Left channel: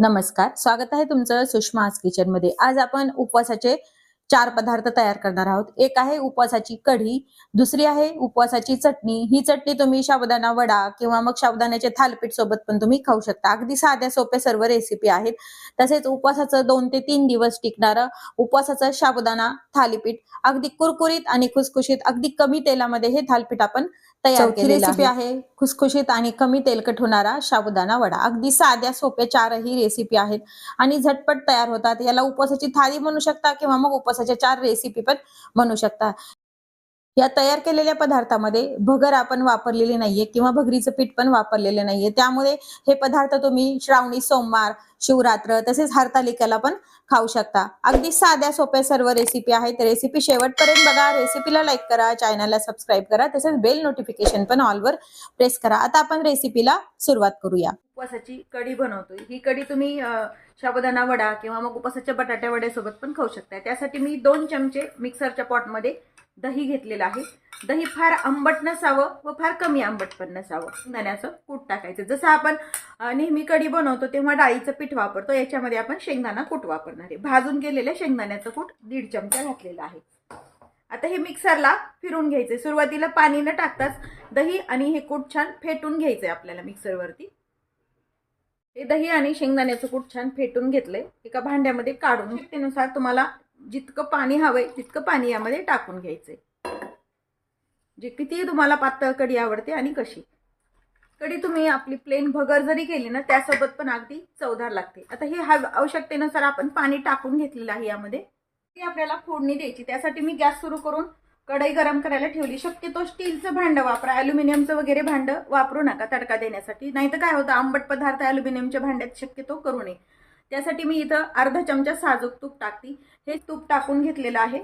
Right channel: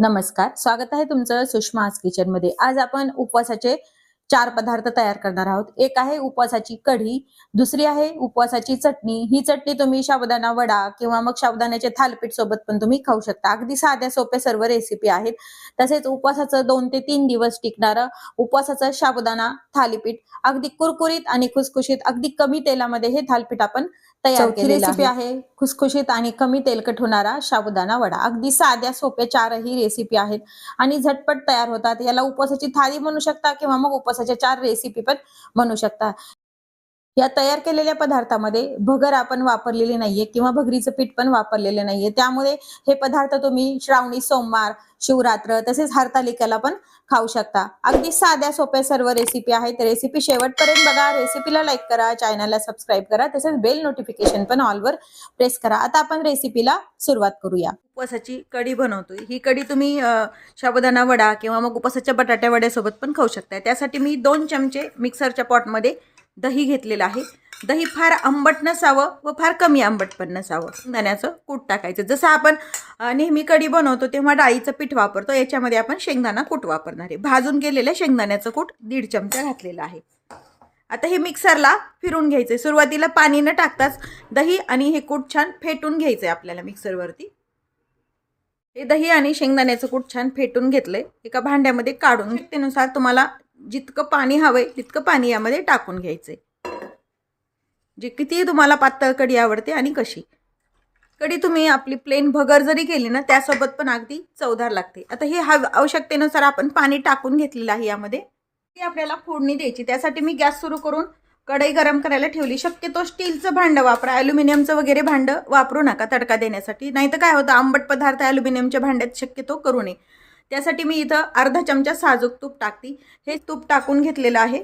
नमस्कार. स्वागत आहे तुमचं सुषमा किचनमध्ये आज आपण उपवासाचे चार पदार्थ तयार करणार आहोत. एक आहे उपवासाची कढी दुसरी आहे उपवासाची चटणी. ही चटणी तुम्ही साबुदाणा वडा किंवा मग साबुदाण्याचे थालपीठ सोबत पण तुम्ही खाऊ शकता. अगदी साध्या सोप्या सर्व रेसिपी आहेत. तसेच उपवासाचं दोन ते तीन दिवस टिकणारं उपवासाचं साबुदाणा थालीपीठ अगदी कुरकुरीत आणि खुसखुशीत अगदी कमी तेलामध्ये हे थालपीठ आपण तयार रेसिपी आहे. खुसखुशीत आणि कमी तेलकट होणारा साबुदाणा वडा. अगदी साध्या सोप्या चारही रेसिपी आहेत. आणि झटपट तयार होतात. याला उपवासाची थाळी म्हणू शकता किंवा मग उपवासाच्या चार रेसिपी पण म्हणू शकता. या तयार केलेल्या पदार्थामध्ये भगर आपण वापरलेली नाहीये किंवा भगरीचं पीठ पण वापरलेलं नाहीये. त्यामुळे हे पदार्थ तुम्ही श्रावणी सोमवार शिवरात्र तसेच हरतालिकेला पण खाऊ शकता. अगदी साध्या सोप्या सर्व रेसिपी आहेत. रेसिपी शेवटपर्यंत बघा. रेसिपीला लाईक करा. चॅनलला सबस्क्राईब करा. तसेच बेल नोटिफिकेशन पण ऑलवर प्रेस करा. आता आपण रेसिपीला सुरुवात करूया. उपवासाची कढी बनवतोय. ही कढी तुम्ही अ, वडा किंवा मग उपवासाच्या बटाट्या वड्यासोबत पण खाऊ शकता त्यासाठी मी दोन चमचे मिक्सरच्या पॉटमध्ये दही घेतलेलं आहे. दही फार आंबट नसावं व फार कमी आंबट पण नसावं. दाण्याचं कूट टाकायचं. जसं आपण नेहमी कढी बनवतो तेव्हा डाळीचं पीठ वापरतो. याच्यामध्ये आपण शेंगदाणा कूट वापरणार आहे. भाजून गेलेलं शेंगदाण्याचं कूट दीड चमचा घातलेलं आहे. आता हे मिक्सरला फिरून घ्यायचंय. सुरुवातीला पाणी न टाकताच दही आणि हे कूट छान फेटून घ्यायचं आहे आपल्याला मिक्सरवरती. हे दही आणि शेंगदाण्याचं कूट छान फेटून घेतलंय. एका भांड्यामध्ये काढून त्यानुसार तुम्हाला जितकं पाणी हवंय तितकं पाणी यामध्ये टाकून घ्यायचंय. जे किती तुम्हाला पातळ कढी आवडते आणि कशी. कढी तुम्ही आपली प्लेन भगर जरी केली ना त्यासोबत पण अगदी चवदार लागते. आता हे हव आवश्यकतेनुसार आपण पाणी टाकून घेतलेलं आहे यामध्ये. ती आपल्याला फोडणी द्यायची. त्यासाठी मी गॅस सुरू करून कढई गरम करायला ठेवली. शक्यतो स्टीलचं भांडं वापरा. ॲल्युमिनियमचं वगैरे भांडं वापरू नका तडका देण्यासाठी. नाही तर काय होतं आंबट पदार्थ ॲल्युमिनियमच्या भांड्यात शक्यतो करू नये. त्यासाठी मी इथं अर्धा चमचा साजूक तूप टाकते. हे तूप टाकून घेतलेलं आहे.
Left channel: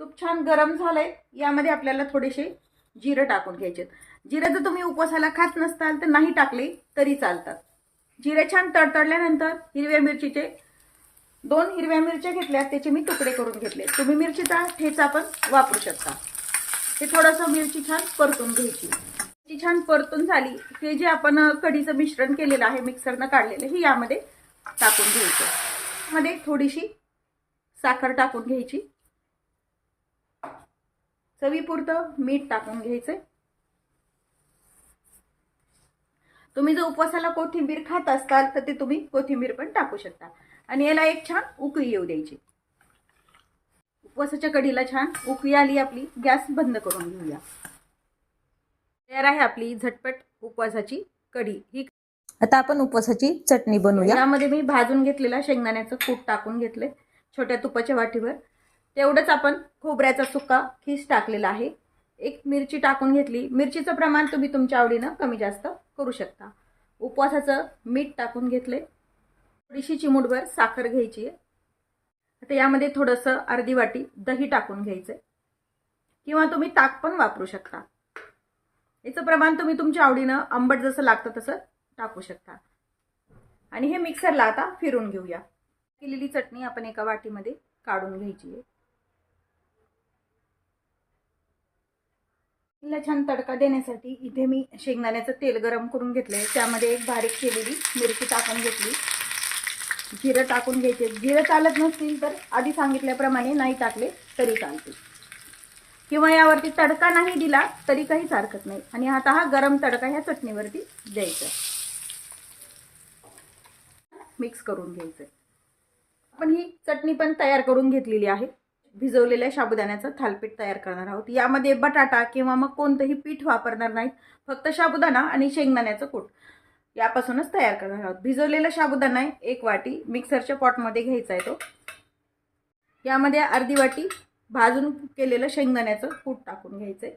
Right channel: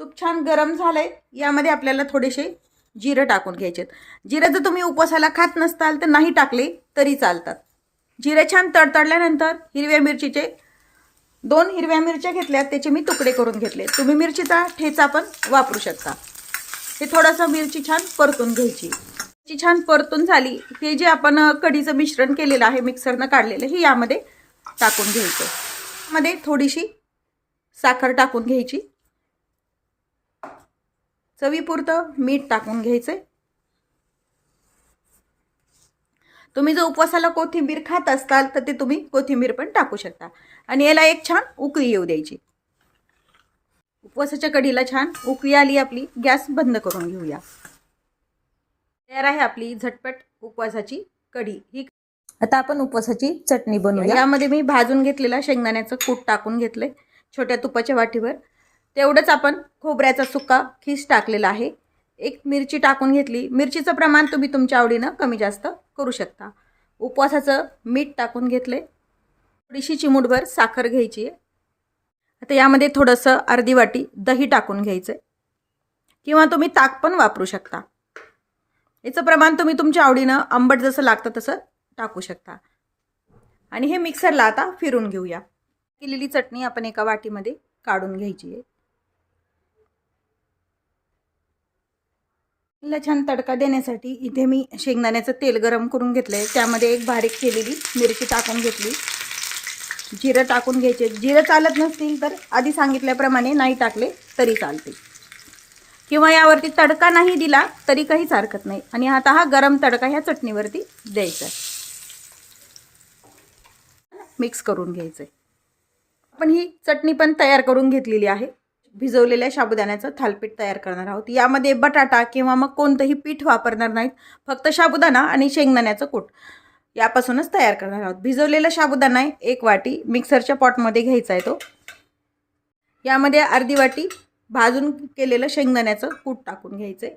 तूप छान गरम झालंय. यामध्ये आपल्याला थोडेसे जिरं टाकून घ्यायचे जिरं जर तुम्ही उपवासाला खात नसताल तर नाही टाकले तरी चालतात. जिरे छान तडतडल्यानंतर हिरव्या मिरचीचे दोन हिरव्या मिरच्या घेतल्या त्याचे मी तुकडे करून घेतले तुम्ही मिरचीचा ठेचा पण वापरू शकता. हे थोडंसं मिरची छान परतून घ्यायची. ती छान परतून झाली. हे जे आपण कढीचं मिश्रण केलेलं आहे मिक्सरनं काढलेलं हे यामध्ये टाकून घ्यायचं. मध्ये थोडीशी साखर टाकून घ्यायची. चवीपुरतं मीठ टाकून घ्यायचंय. तुम्ही जर उपवासाला कोथिंबीर खात असताल तर ते तुम्ही कोथिंबीर पण टाकू शकता. आणि याला एक छान उकळी येऊ द्यायची. उपवासाच्या कढीला छान उकळी आली आपली गॅस बंद करून घेऊया. तयार आहे आपली झटपट उपवासाची कढी. ही आता आपण उपवासाची चटणी बनवूया. यामध्ये मी भाजून घेतलेला शेंगदाण्याचं कूट टाकून घेतलंय छोट्या तुपाच्या वाटीवर. तेवढंच आपण खोबऱ्याचा सुका खीस टाकलेला आहे. एक मिरची टाकून घेतली. मिरचीचं प्रमाण तुम्ही तुमच्या आवडीनं कमी जास्त करू शकता. उपवासाचं मीठ टाकून घेतले थोडीशी चिमूटभर साखर घ्यायची आहे. आता यामध्ये थोडंसं अर्धी वाटी दही टाकून घ्यायचं किंवा तुम्ही ताक पण वापरू शकता. याचं प्रमाण तुम्ही तुमच्या आवडीनं आंबट जसं लागतं तसं टाकू शकता. आणि हे मिक्सरला आता फिरून घेऊया. केलेली चटणी आपण एका वाटीमध्ये काढून घ्यायची आहे. तिला छान तडका देण्यासाठी इथे मी शेंगदाण्याचं तेल गरम करून घेतलं आहे त्यामध्ये एक बारीक केलेली मिरची टाकून घेतली. जिरं टाकून घ्यायचे जिरं चालत नसतील तर आधी सांगितल्याप्रमाणे नाही टाकले तरी चालते. किंवा यावरती तडका नाही दिला तरी काहीच हरकत नाही. आणि आता हा गरम तडका ह्या चटणीवरती द्यायचा मिक्स करून घ्यायचं आपण ही चटणी पण तयार करून घेतलेली आहे. भिजवलेल्या साबुदाण्याचं थालपीठ तयार करणार आहोत. यामध्ये बटाटा किंवा मग कोणतंही पीठ वापरणार नाहीत. फक्त साबुदाणा आणि शेंगदाण्याचं कूट यापासूनच तयार करणार आहोत. भिजवलेला साबुदाणा आहे एक वाटी मिक्सरच्या पॉटमध्ये घ्यायचा आहे तो. यामध्ये अर्धी वाटी भाजून केलेलं शेंगदाण्याचं कूट टाकून घ्यायचं आहे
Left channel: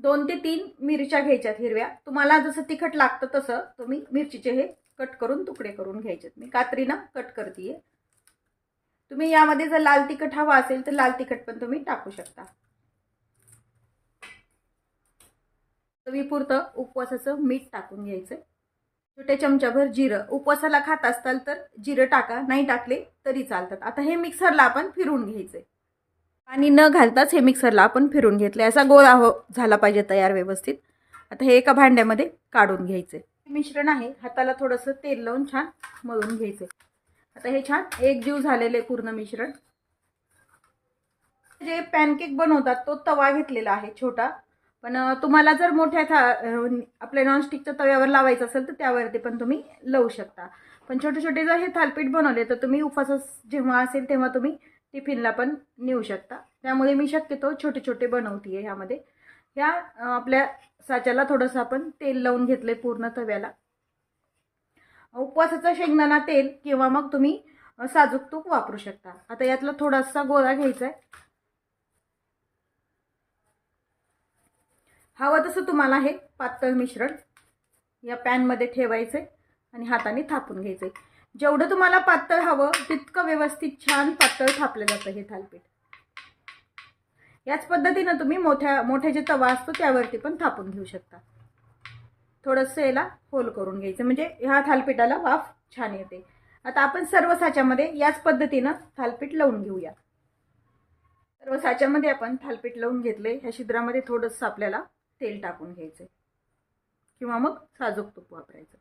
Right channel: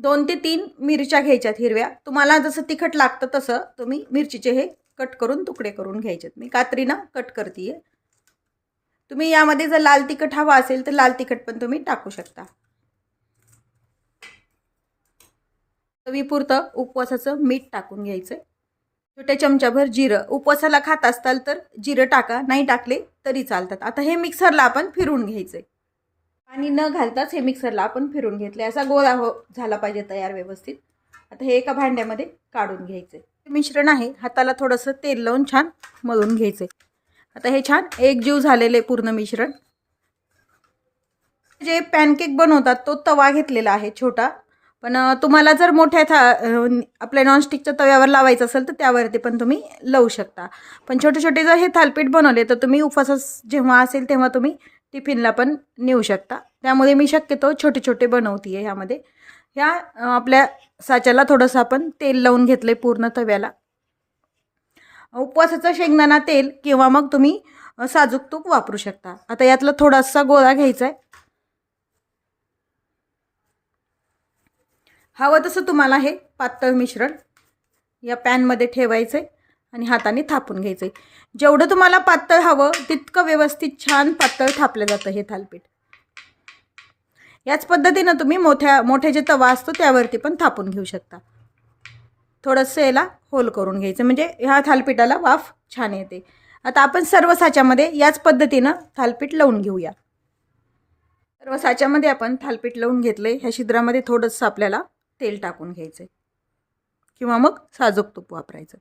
दोन ते तीन मिरच्या घ्यायच्यात हिरव्या. तुम्हाला जसं तिखट लागतं तसं तुम्ही मिरचीचे हे कट करून तुकडे करून घ्यायचेत. मी कात्रीनं कट करते तुम्ही यामध्ये जर लाल तिखट हवा असेल तर लाल तिखट पण तुम्ही टाकू शकता. चवीपुरतं उपवासाचं मीठ टाकून घ्यायचं छोट्या चमच्याभर जिरं. उपवासाला खात असताल तर जिरं टाका. नाही टाकले तरी चालतात. आता हे मिक्सरला आपण फिरून घ्यायचंय. पाणी न घालताच हे मिक्सरला आपण फिरून घेतले असा गोळा हो झाला पाहिजे तयार व्यवस्थित. आता हे एका भांड्यामध्ये काढून घ्यायचे. मिश्रण आहे. हाताला थोडंसं तेल लावून छान मळून घ्यायचे. आता हे छान एकजीव झालेले पूर्ण मिश्रण. जे पॅनकेक बनवतात तो तवा घेतलेला आहे छोटा. पण तुम्हाला जर मोठ्या था आपल्या नॉनस्टिकच्या तव्यावर लावायचं असेल तर त्यावरती पण तुम्ही लावू शकता. पण छोटे छोटे जर हे थालपीठ बनवले तर तुम्ही उपवासास जेव्हा असेल तेव्हा तुम्ही टिफिनला पण नेऊ शकता. त्यामुळे मी शक्यतो छोटे छोटे बनवते आहे ह्यामध्ये. ह्या आपल्या साच्याला थोडंसं आपण तेल लावून घेतलं आहे पूर्ण तव्याला. उपवासाचं शेंगदाणा तेल किंवा मग तुम्ही साजूक तूप वापरू शकता. आता यातला थोडासा गोळा घ्यायचा आहे हवं तसं तुम्हाला हे पातळ मिश्रण या पॅनमध्ये ठेवायचं आहे आणि हाताने थापून घ्यायचं आहे जेवढं तुम्हाला पातळ हवं तितकं व्यवस्थित छान पातळ थापलं जातं हे थालपीठ. याच पद्धतीनं तुम्ही मोठ्या मोठे जे तवा असतो त्यावरती पण थापून घेऊ शकता. थोडंसं याला होल करून घ्यायचं म्हणजे ह्या थालपीठाला वाफ छान येते. आता आपण सर्व साच्यामध्ये याच पद्धतीनं थालपीठ लावून घेऊया. सर्व साच्यामध्ये आपण थालपीठ लावून घेतले ह्या छिद्रामध्ये थोडंसं आपल्याला तेल टाकून घ्यायचं किंवा मग साजूक तूप वापरायचं.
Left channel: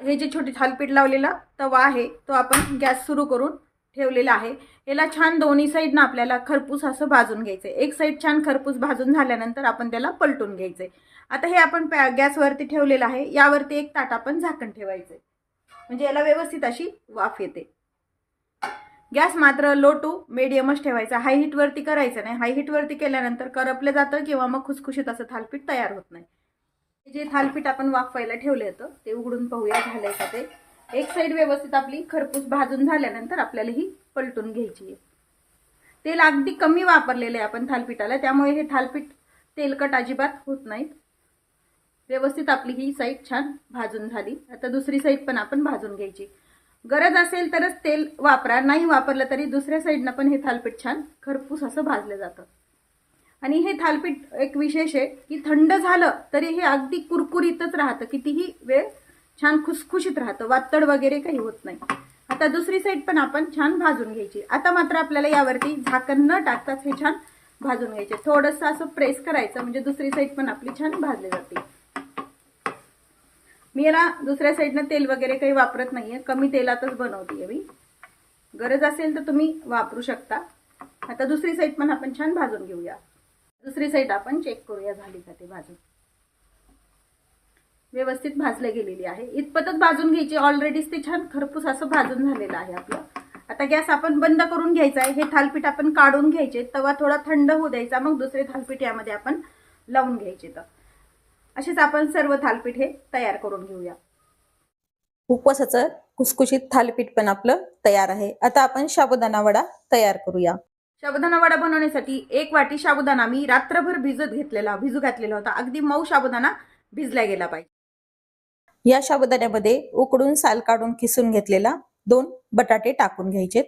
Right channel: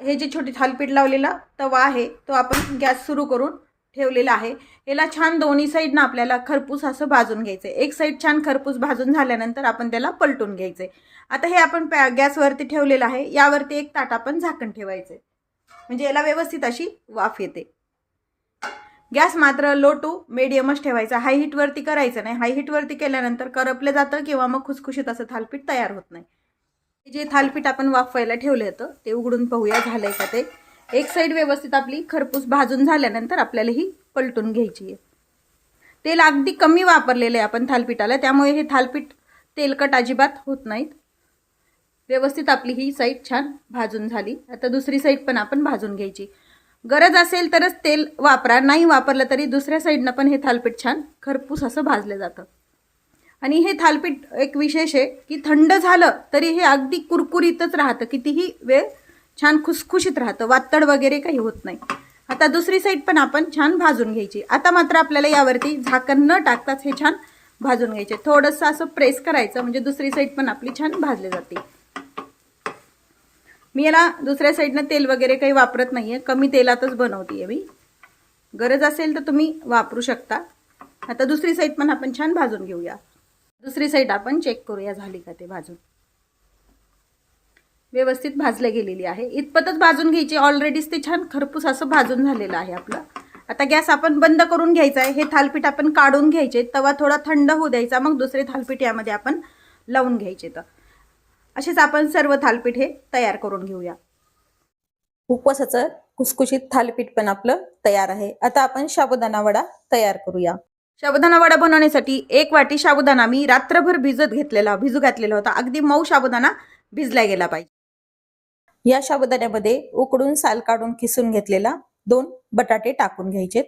हे जे छोटी थालपीठ लावलेला तवा आहे तो आपण गॅस सुरू करून ठेवलेला आहे. याला छान दोन्ही साईडनं आपल्याला खरपूस असं भाजून घ्यायचं एक साईड छान खरपूस भाजून झाल्यानंतर आपण त्याला पलटून घ्यायचं आता हे आपण पॅ गॅसवरती ठेवलेलं आहे. यावरती एक ताट आपण झाकण ठेवायचं म्हणजे याला व्यवस्थित अशी वाफ येते. गॅस मात्र लो टू मिडियमच ठेवायचा. हाय हीटवरती करायचं नाही. हाय हीटवरती केल्यानंतर करपलं जातं किंवा मग खुसखुशीत असं थालपीठ तयार होत नाही. जे थालपीठ आपण वाफवायला ठेवलं होतं ते उघडून पाहूया झालंय का ते. एक साईड व्यवस्थित आपली खरपूस भाजून झाल्यानंतर आपल्याला ही पलटून घ्यायची आहे. तेल अगदी कमी वापरलेलं आहे आपण थालपीठाला त्यामुळे हे थालपीठ तेलकट अजिबात होत नाहीत. व्यवस्थित आपली ही साईड छान भाजून झाली. आता दुसरी साईड पण आपण भाजून घ्यायची. गरज असेल तरच तेल वापरा नाही वापरलं तरी दुसऱ्या साईडनं पण हे थालपीठ छान खरपूस असं भाजलं जातं. आणि हे थालपीठ एक विशेष आहे की थंड झालं तरी हे अगदी कुरकुरीतच राहतं. कितीही वेळ छान खुसखुशीत राहतं. वातड वगैरे काही होत नाही. आता दुसरी साईड पण आपण छान भाजून घ्यायची. आता मात्र आपल्याला यावरती झाकण न टाकताच हे छान भाजून घ्यायचे. थोडंसं असं प्रेस करायचं म्हणजे दुसरी साईड पण आपली छान भाजली जाते. मी याला दुसऱ्या साईडनं तेल वगैरे काही वापरत नाही आहे कमी तेलातच बनवते मी. गरज असेल तर तुम्ही वापरू शकता. आता दुसरी साईड पण आपण छान भाजून घेऊया. दुसरी साईड आपण चेक करूया झाली का ते भाजून. व्यवस्थित भाजल्या गेलेली आहे. इतपतच भाजून घ्यायची. ऑलरेडीच ते छान खरपूस असं भाजून झालेलं आहे आपलं. आता गॅस आपण बंद करून घ्यायचा आहे. हे थालपीठ आपण काढून घ्यायचे. तवा थोडा थंड होऊ द्यायचा. मग दुसरे थालपीठ यामध्ये आपण लावून घ्यायचे तर. असेच आपण सर्व थालपीठ हे तयार करून घेऊया. उपवासाचं कुसकुशीत थालपीठ पण आपलं तयार आहे. आता आपण साबुदाणा वडा तयार करूया. साबुदाणा वडा बनवण्यासाठी एक वाटी साबुदाणा मी रात्रभर भिजत घेतलेला भिजू घातलेला होता. अगदी मऊ साबुदाणा भिजला गेला पाहिजे. या साबुदाण्यामध्ये उकडून साल काढून खिसून घेतलेला दोन बटाटे टाकून घ्यायचे.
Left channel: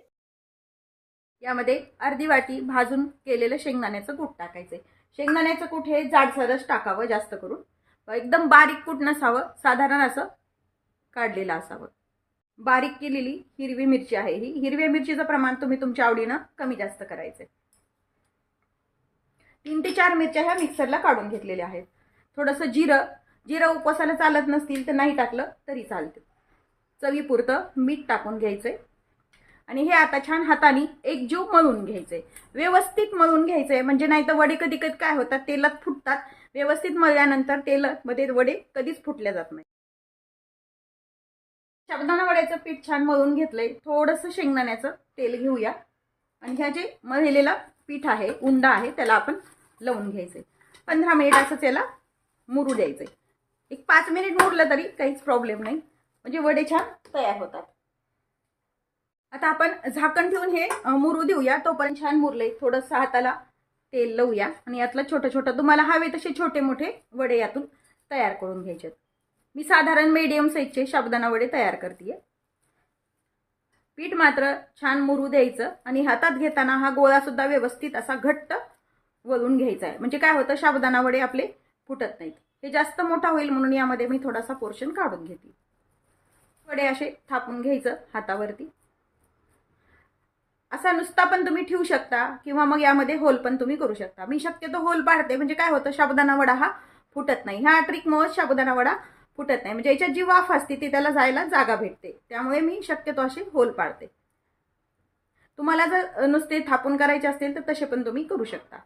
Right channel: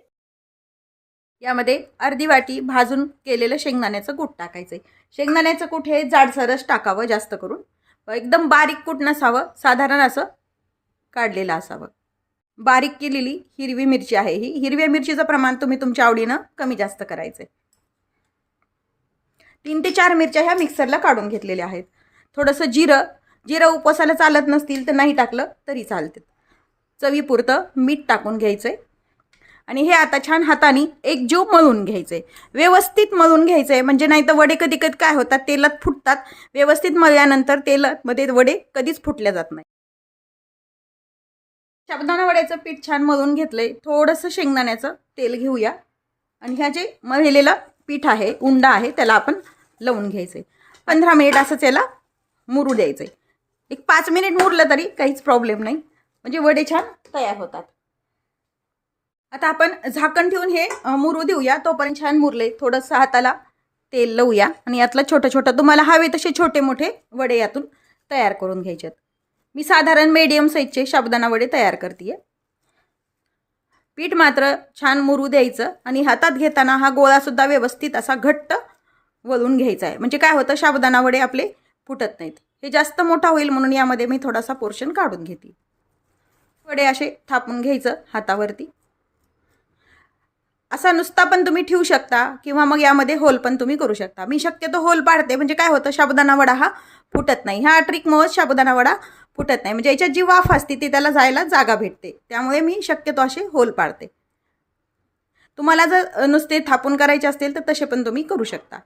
यामध्ये अर्धी वाटी भाजून केलेलं शेंगदाण्याचं कूट टाकायचं. शेंगदाण्याचं कूट हे जाडसरच टाकावं जास्त करून. एकदम बारीक कूट नसावं साधारण असं काढलेलं असावं. बारीक केलेली हिरवी मिरची आहे ही. हिरव्या मिरचीचं प्रमाण तुम्ही तुमच्या आवडीनं कमी जास्त करायचं तीन ते चार मिरच्या ह्या मिक्सरला काढून घेतलेल्या आहेत. थोडंसं जिरं जिरं उपवासाला चालत नसतील तर नाही टाकलं तरी चालते. चवीपुरतं मीठ टाकून घ्यायचं आहे आणि हे आता छान हाताने एकजीव मळून आहे व्यवस्थित मळून घ्यायचंय. म्हणजे नाही तर वडे कधी कधी काय होतात तेलात फुटतात. व्यवस्थित मळल्यानंतर तेलामध्ये वडे कधीच फुटल्या जात नाही साबुदाणा वड्याचं पीठ छान मळून घेतलंय. थोडंसं शेंगदाण्याचं तेल घेऊया. आणि ह्या जे मळलेलं पीठ आहे उंडा आहे त्याला आपण लावून घ्यायचंय. पंधरा मिनिट असंच याला मुरू द्यायचंय. एक पाच मिनिट मुरलं तरी काहीच प्रॉब्लेम नाही. म्हणजे वडे छान तयार होतात. आता आपण झाकण ठेवून हे मुरू देऊया. तोपर्यंत छान मुरले थोडंसं हाताला तेल लावूया. आणि यातला छोटं छोटं तुम्हाला हवे तसे छोटे मोठे वडे यातून तयार करून घ्यायचेत. मी साधारण मीडियम साईजचे साबुदाणा वडे तयार करते पीठ मात्र छान मुरू द्यायचं आणि हातात घेताना हा गोळासुद्धा व्यवस्थित असा घट्ट वळून घ्यायचा आहे. म्हणजे काय होतं साबुदाणा वडे आपले फुटत नाहीत. हे जास्त मोठा होईल म्हणून यामध्ये मी थोडासा पोर्शन काढून घेते. वडे असे थापून घ्यायचं हातावरती. असा नुसता पण तुम्ही ठेवू शकता किंवा मग यामध्ये होल पण तुम्ही करू शकता. मी शक्यतो होल पाडते. म्हणजे काय होतं साबुदाणा वडा हा फुटत नाही. ह्या ट्रिकमुळे साबुदाणा वडा फुटत नाही. म्हणजे याच्यात जी वाफ असते ती त्याला जायला जागा भेटते. त्यामुळे मी शक्यतो असे होल पाडते. तुम्हाला जर नुसते थापून करायचे असतील तर तसे पण तुम्ही करू शकता.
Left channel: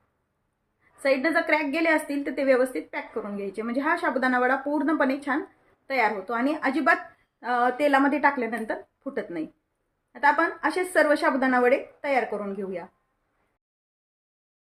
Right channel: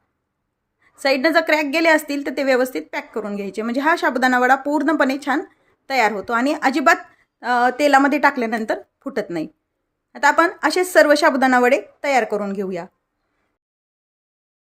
साईडनं जर क्रॅक गेले असतील तर ते व्यवस्थित पॅक करून घ्यायचे. म्हणजे हा साबुदाणा वडा पूर्णपणे छान तयार होतो आणि अजिबात तेलामध्ये टाकल्यानंतर फुटत नाही. आता आपण असे सर्व साबुदाणा वडे तयार करून घेऊया.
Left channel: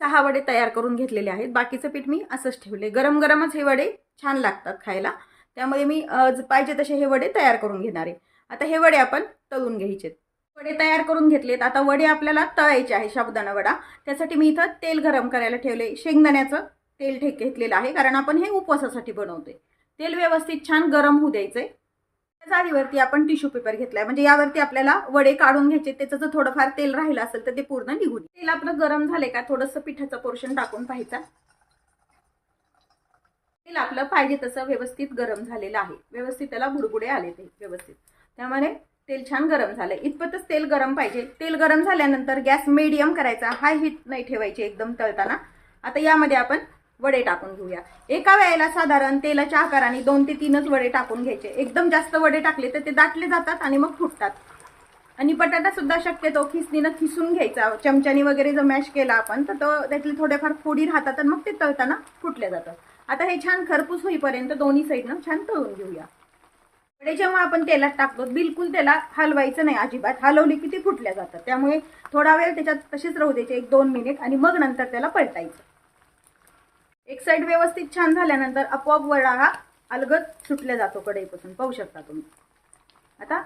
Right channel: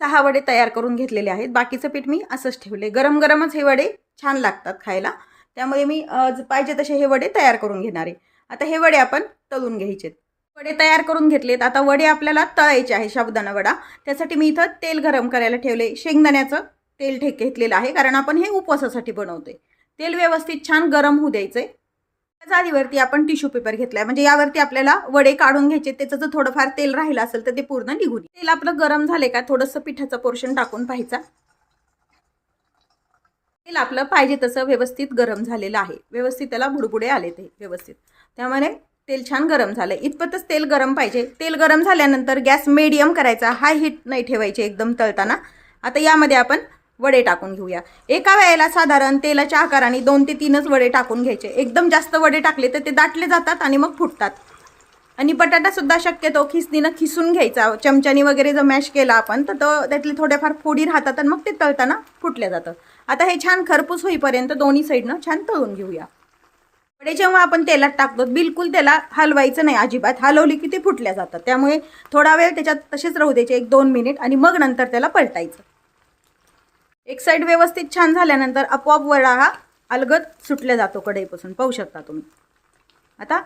सहा वडे तयार करून घेतलेले आहेत. बाकीचं पीठ मी असंच ठेवले. गरम गरमच हे वडे छान लागतात खायला. त्यामुळे मी पाहिजे तसे हे वडे तयार करून घेणार आहे. आता हे वडे आपण तळून घ्यायचे वडे तयार करून घेतलेत. आता वडे आपल्याला तळायचे आहे साबुदाणा वडा त्यासाठी मी इथं तेल गरम करायला ठेवले. शेंगदाण्याचं तेल ठेक घेतलेलं आहे. कारण आपण हे उपवासासाठी बनवतोय. तेल व्यवस्थित छान गरम होऊ द्यायचंय. त्या जाळीवरती आपण टिश्यू पेपर घेतलाय. म्हणजे यावरती आपल्याला वडे काढून घ्यायचे. त्याचं जर थोडंफार तेल राहिलं असेल तर ते पूर्ण निघून तेल आपलं गरम झाले का? थोडंसं पिठाचं पोर्शन टाकून पाहायचा. तेल आपलं पाहिजे तसं व्यवस्थित गरम झालेलं आहे. व्यवस्थित त्याला बुडबुडे आले ते व्यवस्थित. त्यामुळे तेल छान गरम झालं इतपतच तेल गरम पाहिजे. तेल गरम झाल्यानंतर गॅस मेडियम करायचा. हाय हीट नाही ठेवायचे एकदम तळताना. आता यामध्ये आपण वडे टाकून घेऊया. एका वेळेला साधारण तेलाच्या आकाराने दोन ते तीनच वडे टाकून घ्यायचे. एकदम जास्त वडे टाकले तर ते दाटले जातात आणि मग फुटतात. आणि बटाटासुद्धा शक्यतो खिसणीनं खिसून घ्यायचा. चमच्यानी वगैरे जर मॅश केला आपण तर तो त्यातले थोड्याफार फोडी राहतात आणि मग ते तळताना फुटल्या जातं. आता हे छान खरपूस होईपर्यंत दोन्ही साईडनं छान तळून घेऊया. वडे जेव्हा आपण तेलात टाकतो बिलकुल त्याला हलवायचं नाही अजिबात. हलवली की ते फुटल्या जातात. त्यामुळे थोडा वेळ त्याच्यात तसेच राहू द्यायचे एक दोन मिनिट आणि मग नंतर त्याला पलटायचं. एक साईड व्यवस्थित छान झाल्यानंतर आपोआप वडा हा अलगद सुटल्या जातो कढईपासून. पाहू शकता तुम्ही. आता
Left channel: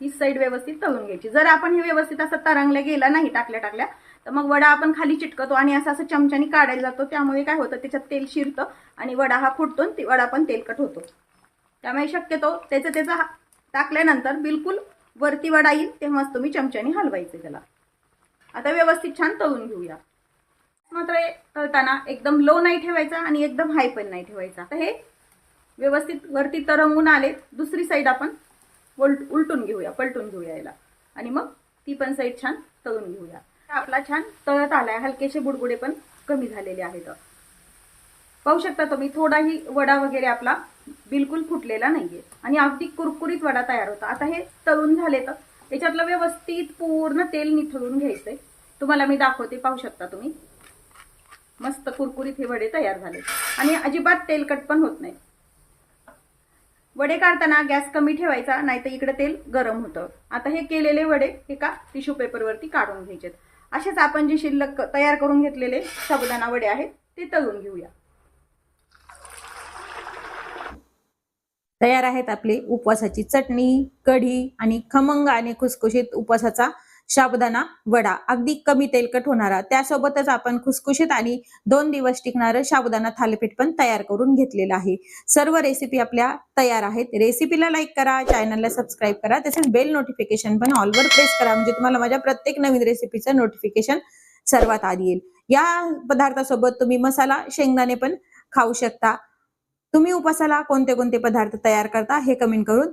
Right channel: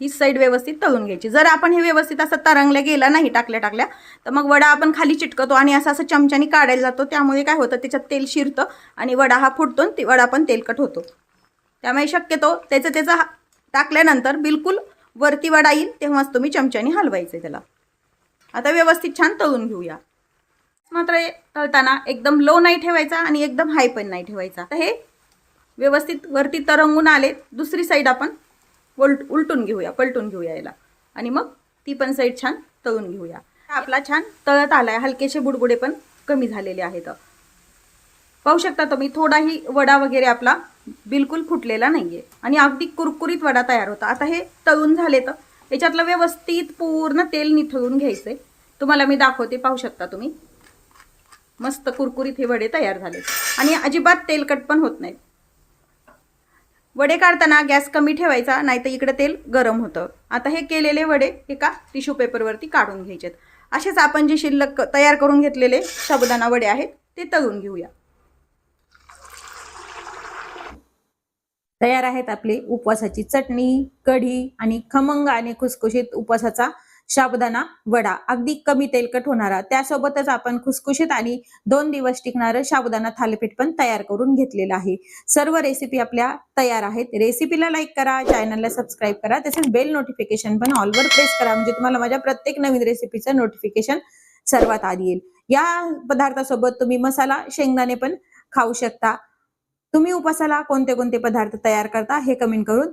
ही साईड व्यवस्थित तळून घ्यायची. जर आपण हे व्यवस्थित असं तरंगल्या गेला नाही टाकल्या टाकल्या तर मग वडा आपण खाली चिटकतो आणि असं असं चमच्याने काढायला जातो. त्यामुळे काय होतं त्याच्यात तेल शिरतं आणि वडा हा फुटतो आणि वडा पण तेलकट होतो. त्यामुळे शक्यतो त्याचं त्याचं हा- टाकल्यानंतर बिलकुल वरती वडा येईल तेव्हाच तुम्ही चमच्याने हलवायचं त्याला. आता व्यवस्थित छान तळून घेऊया. मात्र हे तळताना एकदम लो नाही ठेवायचा आणि एकदम हाय पण नाही ठेवायचा. तर हे व्यवस्थित वरती तरंगून आले. दुसरी साईड आपण उलट उलटून घेऊया पलटून घेऊया याला. आणि मग ती पण साईड छान तळून घेऊया. आपला छान तळत आला आहे हलकेसे बुडबुडे पण कमी झालेले आहेत. पाहू शकता तुम्ही थोडाही वडा वगैरे आपला बिलकुल फुटलेला नाही आहे आणि अगदी कुरकुरीत वडा तयार होता. आता हे तळून झाले तर याच्यातलं व्यवस्थित पूर्ण तेल निथळून घ्यायचंय. तुम्हाला मी दाखवते पाहू शकता तुम्ही. मस्त कुरकुरीत हे वडे तयार झाले आणि अजिबात तेलकट पण होत नाहीत. वडे काढताना गॅस कमी ठेवायचा नाही तर इकडे तेल गरम होतं. आता हे केलेले वडे एका टिश्यू पेपरवरती काढून घ्यायचेत. असेच आपण जे शिल्लक तयार करून घेतलेले शबदाना वडे आहेत ते तळून घेऊया. तयार आहेत आपली उपवासाची चटणी कढी आणि खमंग आणि खुसखुशीत उपवासाचा साबुदाणा वडा. अगदी कमी तेलकट होणारा. त्यासोबतच आपण खुसखुशीत आणि दोन दिवस टिकणारं साबुदाणा थालीपीठ पण तयार करून घेतलेलं आहे. सर्व रेसिपी आपल्या तयार आहेत. रेसिपीला लाईक करा चॅनलला सबस्क्राईब करा. तसेच बेल नोटिफिकेशन पण ऑलवर प्रेस करा. म्हणजे तुम्हाला माझ्या प्रत्येक नवीन रेसिपीचं नोटिफिकेशन सर्वात आधी येईल. या पदार्थासोबत तुम्ही मसाला शेंगदाणे पण खाऊ शकता. तुम्ही उपासाला कोणते कोणते पदार्थ तयार करता हे कमेंट करून